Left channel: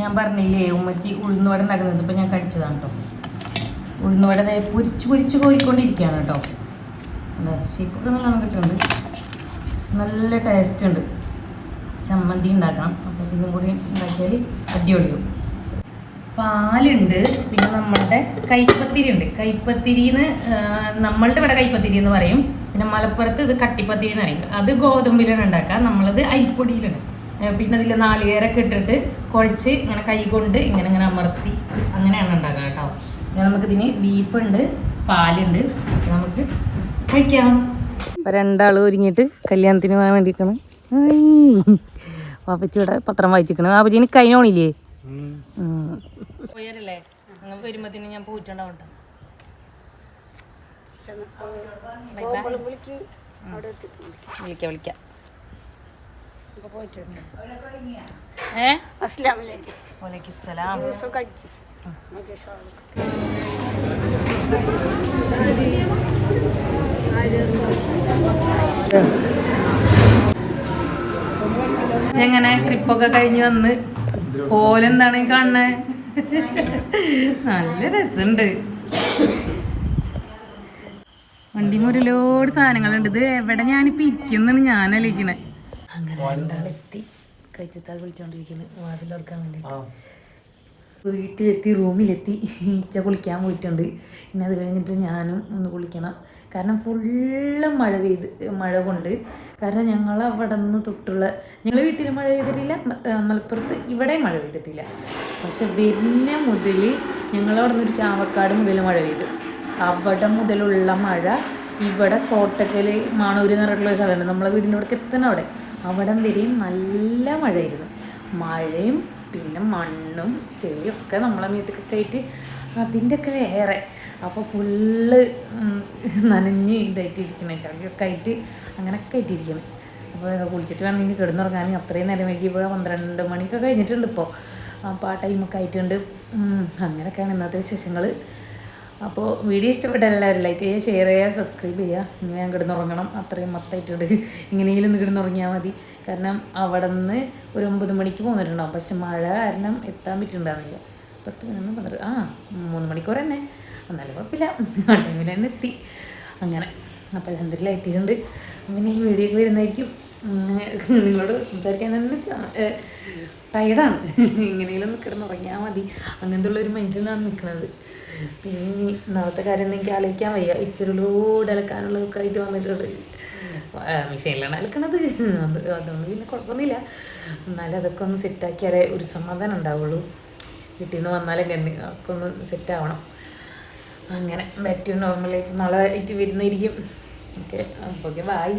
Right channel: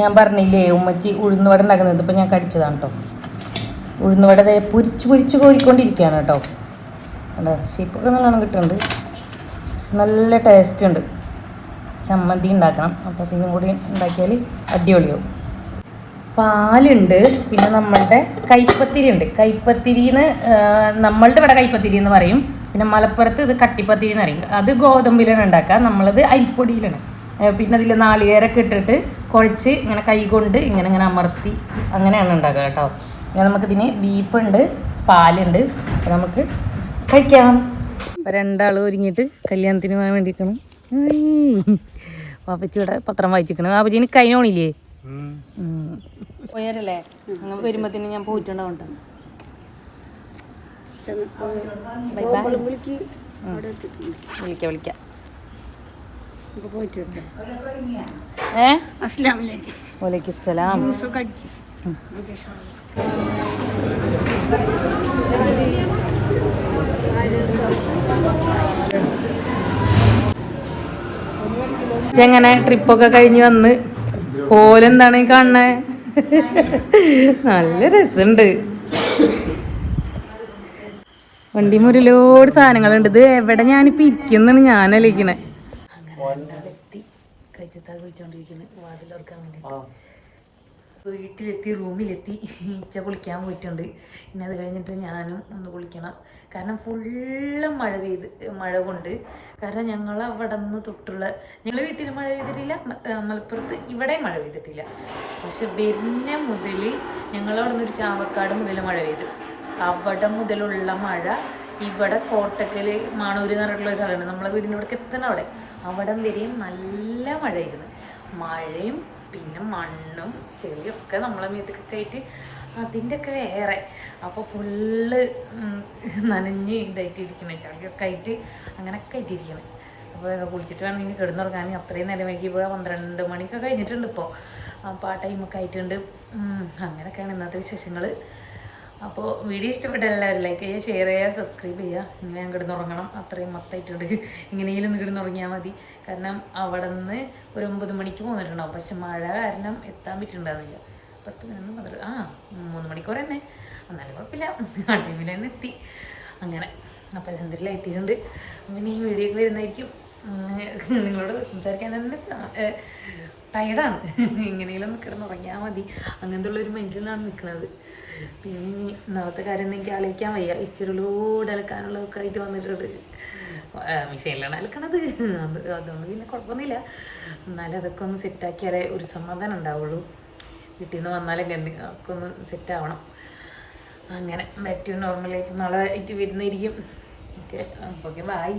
ഞാൻ പറഞ്ഞില്ലേ ഉമ്മച്ചി ഉഴുന്നുവട ഉണ്ടാക്കുന്നത് ഇപ്പം ഞാൻ കടിച്ചതാണ് കേട്ടോ ഉഴുന്നുവട പൊരിച്ച് പൊരിച്ച് കോരിക്കൊണ്ടിരിക്കുകയാണ് കേട്ടോ അല്ലേ ഷേപ്പൊക്കെ നല്ലോണം കിട്ടുന്നുണ്ട്. നല്ല ടേസ്റ്റ് ഉണ്ട്. ചമ്മന്തി ഉണ്ടാക്കണം. അപ്പോൾ ഇതും കൂടി ഉണ്ടാക്കിയാൽ അടിപൊളിയാവും. പാലുണ്ട്. പിന്നെ നമ്മളുടെ കൈപ്പത്തിരി ഉണ്ട്. കൈപ്പത്തിരിന്ന് നമ്മളുടെ ഇവിടെ കൈപ്പത്തിരി എന്ന് പറയും. പിന്നെ മലപ്പുറത്ത് ഇത് കട്ടിപ്പത്തിരി എന്ന് പറയും. അത് ഗോതമ്പിലാണ് ഉണ്ടാക്കുക. നമ്മളത് അരിപ്പൊടിയിലാണ്. പിന്നെ അതിൽ നാളികേരൊക്കെ ഇട്ടിട്ട് കുഴച്ച് ഇങ്ങനെ കൈ കൊണ്ട് ഇങ്ങനെ ഇങ്ങനെ അമർത്തി അങ്ങനെയാണ് ഉണ്ടാക്കുക കേട്ടോ. പിന്നെ നമുക്കിതിന് ബീഫുണ്ട് പാലുണ്ട്. അപ്പോൾ നമുക്ക് കഴിക്കാം. രണ്ടാൾ ഒരുങ്ങിയിട്ട് കല്യാണത്തിന് പോകാൻ വേണ്ടിയിട്ടാണ്. പാപ്പച്ചിയുടെ പത്രം വായിച്ചിരിക്കണം. പാപ്പച്ചിന് കഴിഞ്ഞോണില്ലേ പോയാരല്ലേ വരുമ്പത്തിന് ഞാൻ പോയിട്ടുണ്ടാവും വിളിക്കാം. സലാം എങ്ങനെ ട്രിപ്പൊക്കെ കഴിഞ്ഞ് വന്ന് ഓലെന്താണ് ഈ കാണണേ നല്ല രസമുണ്ട് വണ്ടി മുരിലോട് സാധനങ്ങളുണ്ട്. ഇത് എവിടെ ഞാനിപ്പോ ഇരിക്കുന്നാണ് ഞാൻ അങ്ങനെ വേണ്ടിട്ട്. വീട്ടിലെത്തി റൂമിലെത്തി. ഈച്ച കുളിക്കാൻ പോയിട്ടുണ്ട്. പിന്നെ അത് കഴിഞ്ഞിട്ട് ഞാനും ഒന്ന് കുളിക്കണം. കാരണം ഫുള്ള് മഴ പെയ്ത് മഴ കൊണ്ട്. കാരണം ഞങ്ങൾ അവിടെ നിന്ന് തൊട്ടുള്ള ഞങ്ങൾ വീട്ടിൽ മഴ പെയ്തിട്ടില്ല. മലപ്പുറത്ത് ഇവിടെയും മഴ പെയ്തിട്ടില്ല. പക്ഷെ വരുന്ന മുതൽ ഞങ്ങൾ അവിടെ നിന്ന് ഒരു ചാവക്കാട് മുതൽ മഴ പെയ്തു. അവിടെ മുതലുള്ള മഴ ഇവിടെ കോട്ടക്കൽ മാണൂര് എന്ന് പറഞ്ഞിട്ടുള്ള സ്ഥലമുണ്ട്. നമ്മളെ വീടിന്റെ അവിടെ എത്തണം അവിടെ. അവിടം വരെയും നല്ല മഴയായിരുന്നു. മഴയും പിന്നെ മണ്ണും ചെളിയും ഒക്കെ നമ്മളെ മീത്തൊക്കെ ആയിട്ട് അതിന്റെ ഒക്കെ വേറെ. അപ്പോൾ ഫുള്ള് നനഞ്ഞ് ഇതായിട്ട് ഇരിക്കണേ. ചളിയൊക്കെ ആയിട്ട് അങ്ങനെയൊക്കെ ആയിട്ടിരിക്കണേ അപ്പോൾ കുളിച്ചിട്ട് വേണം ഇനി കിടന്നുറങ്ങാൻ. അത്രയും നേരം വൈകിയപ്പോൾ പന്ത്രണ്ട് മണിയൊക്കെ കഴിഞ്ഞിട്ടുണ്ട് ഇപ്പോൾ. അപ്പോൾ ആ ടൈമൊക്കെ ആയിട്ടുണ്ട്. അങ്ങനെയൊക്കെയാണ് ഇന്നത്തെ വിശേഷങ്ങൾ അപ്പോൾ വീഡിയോ ഇഷ്ടപ്പെട്ട എല്ലാവരും ലൈക്ക് ചെയ്യുക ഷെയർ ചെയ്യുക സബ്സ്ക്രൈബ് ചെയ്യുക. ഇങ്ങനെ ഞാൻ കിടന്നുറങ്ങണം. അത്രയും മൊത്തമായിട്ടുണ്ട് ഇങ്ങനെയെങ്കിലും കിടന്നുറങ്ങിയാൽ മതി. കാരണം അവിടെ നിന്ന് ഒരു ഒമ്പത് മണിക്ക് പോന്നിട്ടുണ്ടാവും. പക്ഷെ മഴ കാരണം എത്താൻ പറ്റുന്നുണ്ടാവില്ല പത്ത് പതിനൊന്ന് പന്ത്രണ്ട് ആ മൂന്ന് മണിക്കൂർ തന്നെ. എന്നാലും കുഴപ്പമില്ല. ആ ടൈമിൽ തന്നെ എത്തി. അങ്ങനെ. അപ്പോൾ എന്തെല്ലാം എത്തിയിട്ടുണ്ട്. അപ്പം ഈ വീഡിയോ ഒക്കെ വരുന്നതായിരിക്കും. നിങ്ങളോട് സംസാരിക്കാൻ തന്നെ ടയർഡാണ് എങ്ങനെയെങ്കിലും കിടന്നുറങ്ങിയാൽ മതി. അങ്ങനത്തെ ഉള്ളൊരു മൈൻഡിലാണ് നിൽക്കുന്നത് പിന്നെ ഇനി നാളത്തെ കാര്യം ഒന്നും എനിക്ക് ആലോചിക്കാൻ വയ്യ. ഇച്ചിരിലൂടെ അലക്കാനുള്ളതൊക്കെ ആയിട്ട് വന്നിട്ടുണ്ട്. മിഷീനിലാണ് അലക്കണത്. അത് അതുകൊണ്ട് പിന്നെ കുഴപ്പമൊന്നുമില്ല. എന്നാലും അതൊക്കെ ഒന്ന് സെറ്റാക്കിയാലേ ഒരു സമാധാനം ഉണ്ടാവുള്ളൂ. വീട്ടിൽ നിന്ന് വന്നാലേ ഒക്കെ ഒന്ന് സെറ്റാവണം അങ്ങനെ ബാക്ക് നോർമൽ ലൈഫ് നാളെ ആയിട്ട് വരുന്നതായിരിക്കും. Okay okay bye